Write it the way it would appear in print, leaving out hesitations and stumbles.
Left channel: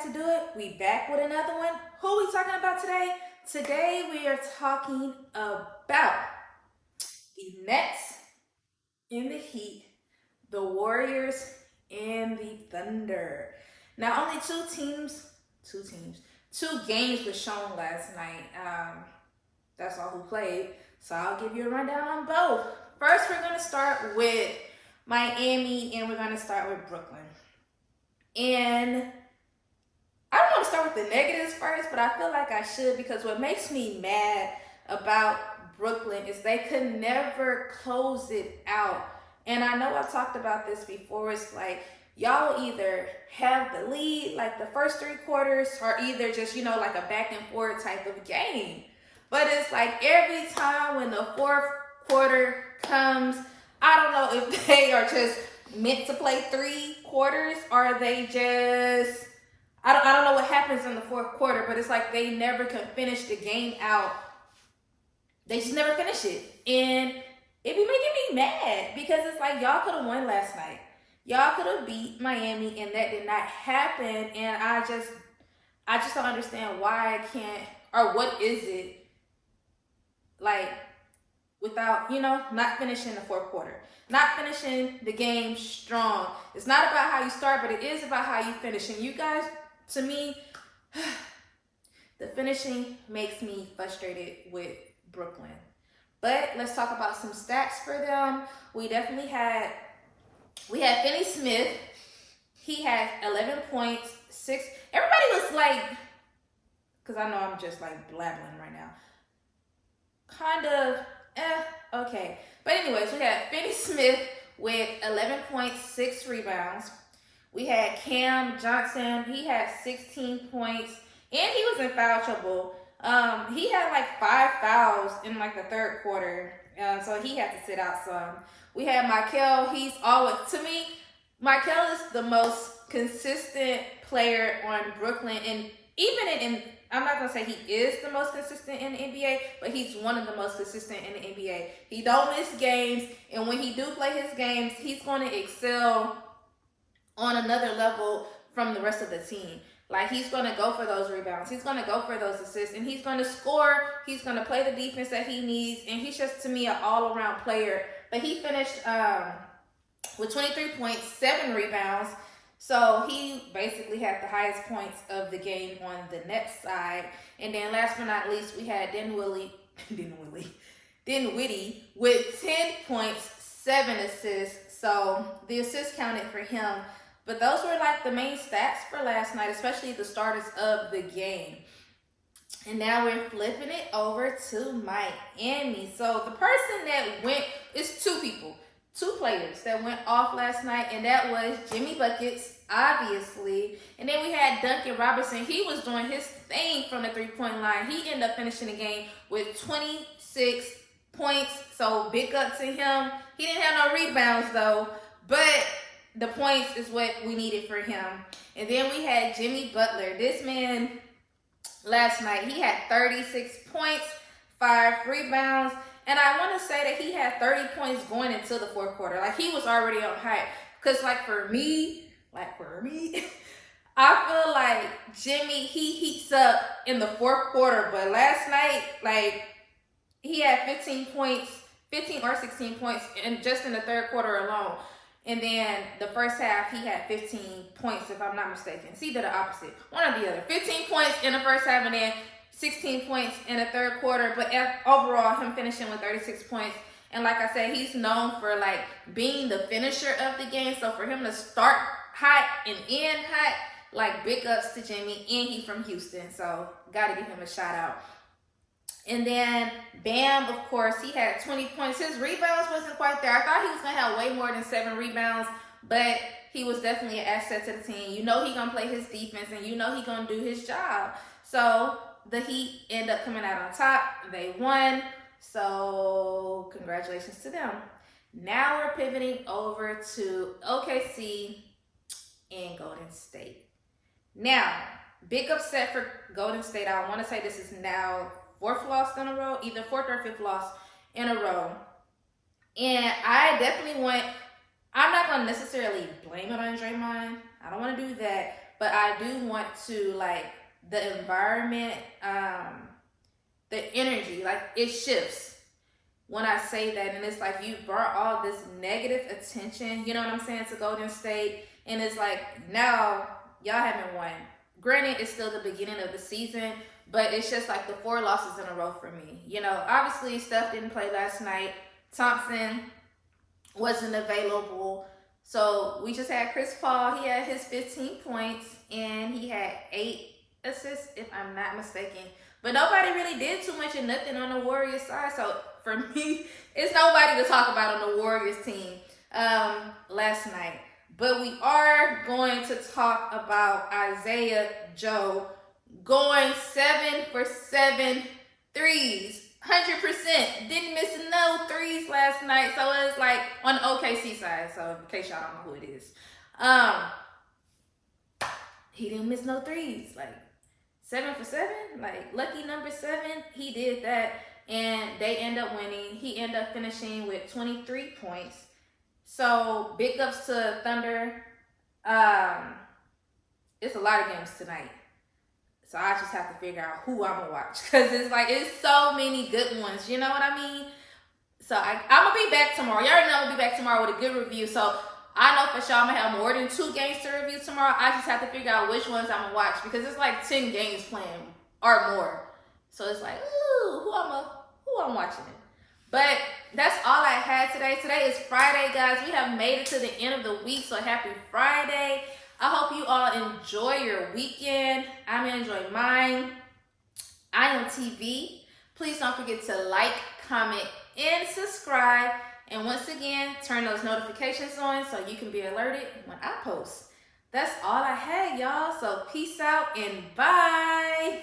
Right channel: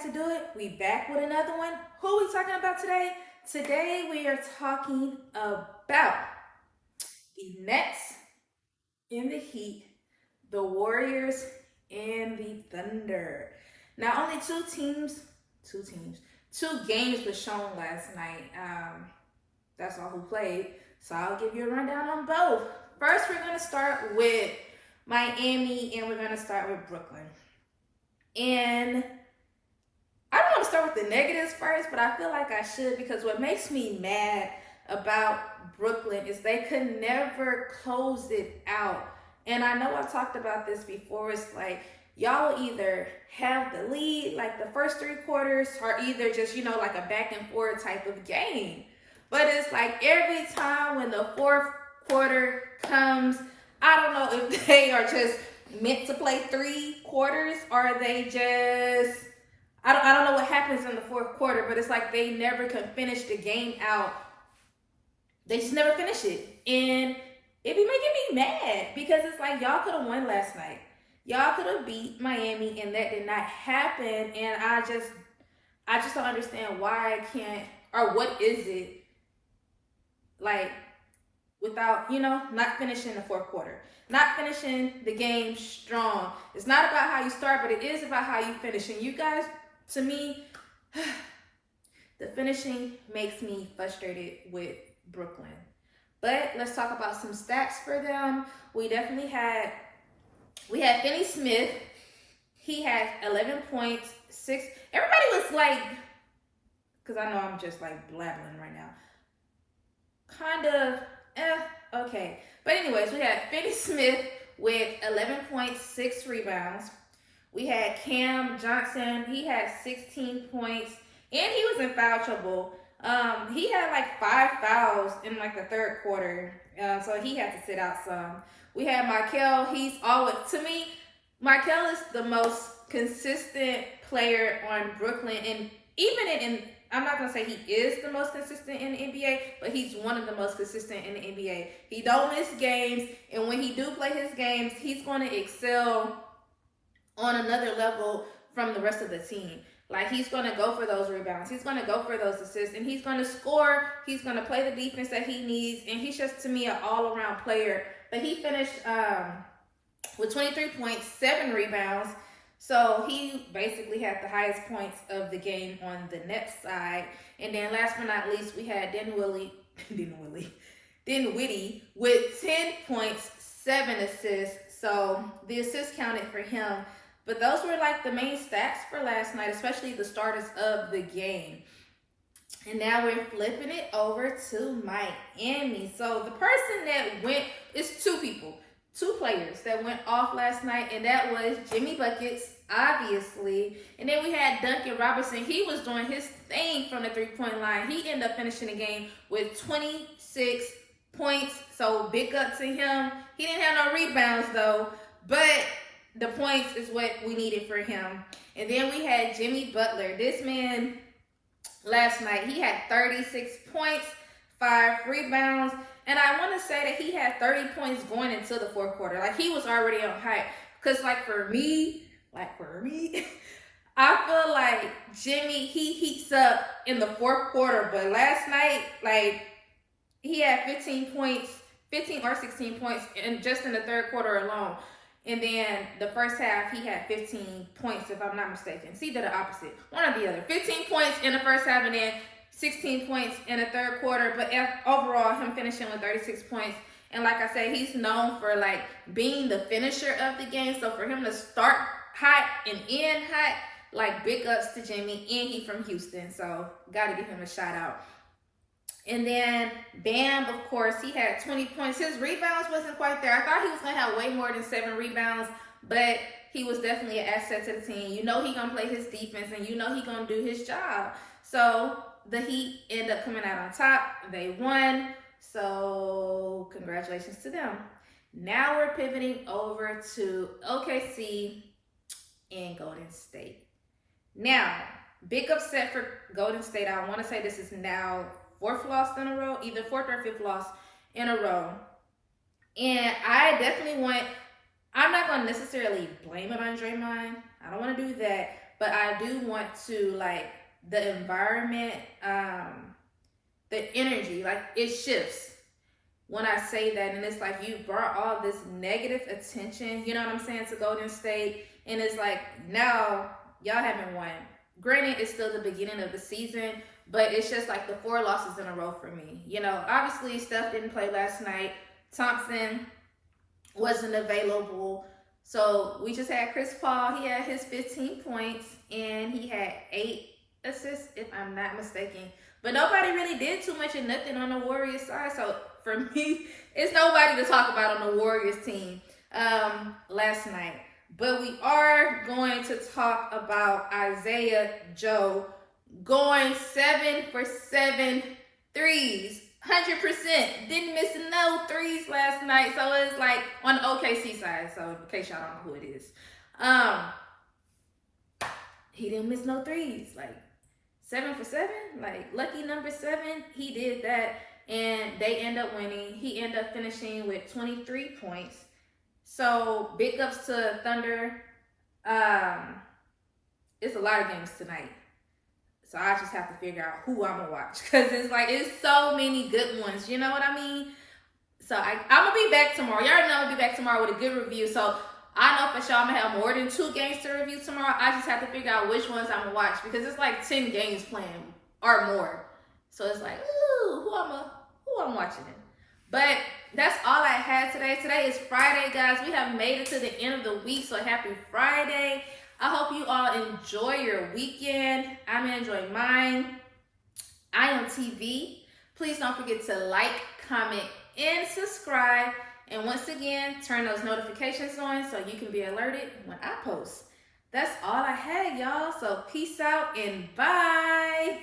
had to do it. We back with another one. Who we talking about today? Today we are talking about the Nets and the Heat, the Warriors and the Thunder. Now only two games were shown last night. That's all who played. So I'll give you a rundown on both. First, we're going to start with Miami and we're going to start with Brooklyn. And I don't want to start with the negatives first, but I feel like I should, because what makes me mad about Brooklyn is they could never close it out. And I know I've talked about this before. It's like y'all either have the lead like the first three quarters or either just, like a back and forth type of game. But it's like every time when the fourth quarter comes, I don't know if they are just meant to play three quarters or they just, I don't know what happens in the fourth quarter, but it's like they never can finish the game out. They just never finish it. And it be making me mad because it's like y'all could have won last night. Y'all could have beat Miami and that did not happen. And I just don't understand why I can't, or what is it like without, not finishing the fourth quarter, not finishing the game strong. It's not about how you start, but it is about how you finish. And you guys, to me, the finishing makes me frustrated with Brooklyn. But let's talk about some stats for them. We had Finney Smith. He had 11 points, 6. Everybody was like, because I know I'm just like blabbling right now. Kind of, okay. But anyways, we had Finney Smith with 11 points, 6 rebounds. We had Cam Johnson. He had 16 points, and he was in foul trouble. He had like 5 fouls in like the third quarter, so he had to sit out some. We had Michael. He's always, to me, Michael is the most consistent player on Brooklyn, and even in I'm not gonna say he is the most consistent in the NBA, but he's one of the most consistent in the NBA. He don't miss games, and when he do play his games, he's going to excel on another level from the rest of the team. Like, he's going to go for those rebounds. He's going to go for those assists, and he's going to score. He's going to play the defense that he needs, and he's just, to me, an all-around player. But he finished with 23 points, 7 rebounds. So he basically had the highest points of the game on the Nets side. And then last but not least, we had Dinwiddie with 10 points, 7 assists. So the assists counted for him. But those were like the main stats for last night, especially the starters of the game. And now we're flipping it over to Miami. So the person that went, it's two players that went off last night, and that was Jimmy Buckets, obviously. And then we had Duncan Robinson. He was doing his thing from the three-point line. He ended up finishing the game with 26 points, so big up to him. He didn't have no rebounds, though, but the points is what we needed for him. And then we had Jimmy Butler. This man, last night, he had 36 points, 5 rebounds. And I want to say that he had 30 points going into the fourth quarter. Like, he was already on hype. Because, for me, I feel like Jimmy, he heats up in the fourth quarter. But last night, he had 15 or 16 points just in the third quarter alone. And then the first half, he had 15 points, if I'm not mistaken. It's either the opposite. One or the other. 15 points in the first half and then 16 points in the third quarter, but overall, him finishing with 36 points. And like I said, he's known for being the finisher of the game. So for him to start hot and end hot, big ups to Jimmy, and he from Houston. So gotta give him a shout out. And then Bam, of course, he had 20 points. His rebounds wasn't quite there. I thought he was gonna have way more than 7 rebounds, but he was definitely an asset to the team. He gonna play his defense, and he gonna do his job. So the Heat end up coming out on top. They won. So congratulations to them. Now we're pivoting over to OKC and Golden State. Now, big upset for Golden State. I want to say this is now 4th loss in a row, either 4th or 5th loss in a row. And I definitely I'm not going to necessarily blame it on Draymond. I don't want to do that. but I do want to, like, the environment, the energy, like, it shifts when I say that. And it's like you brought all this negative attention, you know what I'm saying, to Golden State. And it's like, now y'all haven't won. Granted, it's still the beginning of the season, but it's just like the 4 losses in a row for me. You know, obviously Steph didn't play last night. Thompson wasn't available. So we just had Chris Paul. He had his 15 points and he had 8 assists, if I'm not mistaken. But nobody really did too much of nothing on the Warriors side. So for me, it's nobody to talk about on the Warriors team last night. But we are going to talk about Isaiah Joe going 7 for 7 threes. 100%. Didn't miss no threes last night. So it's like on the OKC side. So in case y'all don't know who it is. He didn't miss no threes. Like 7 for 7. Like lucky number 7. He did that. And they end up winning. He ended up finishing with 23 points. So big ups to Thunder. It's a lot of games tonight. So I just have to figure out who I'm gonna watch. Because it's like, it's so many good ones. You know what I mean? So I'm gonna be back tomorrow. Y'all already know I'm gonna be back tomorrow with a good review. So I know for sure I'm gonna have more than 2 games to review tomorrow. I just have to figure out which ones I'm gonna watch. Because it's like 10 games playing or more. So it's like, ooh, who I'm watching it. But that's all I had today. Today is Friday, guys. We have made it to the end of the week. So happy Friday. I hope you all enjoy your weekend. I'm going to enjoy mine. Ion TV. Please don't forget to like, comment, and subscribe. And once again, turn those notifications on so you can be alerted when I post. That's all I had, y'all. So peace out and bye.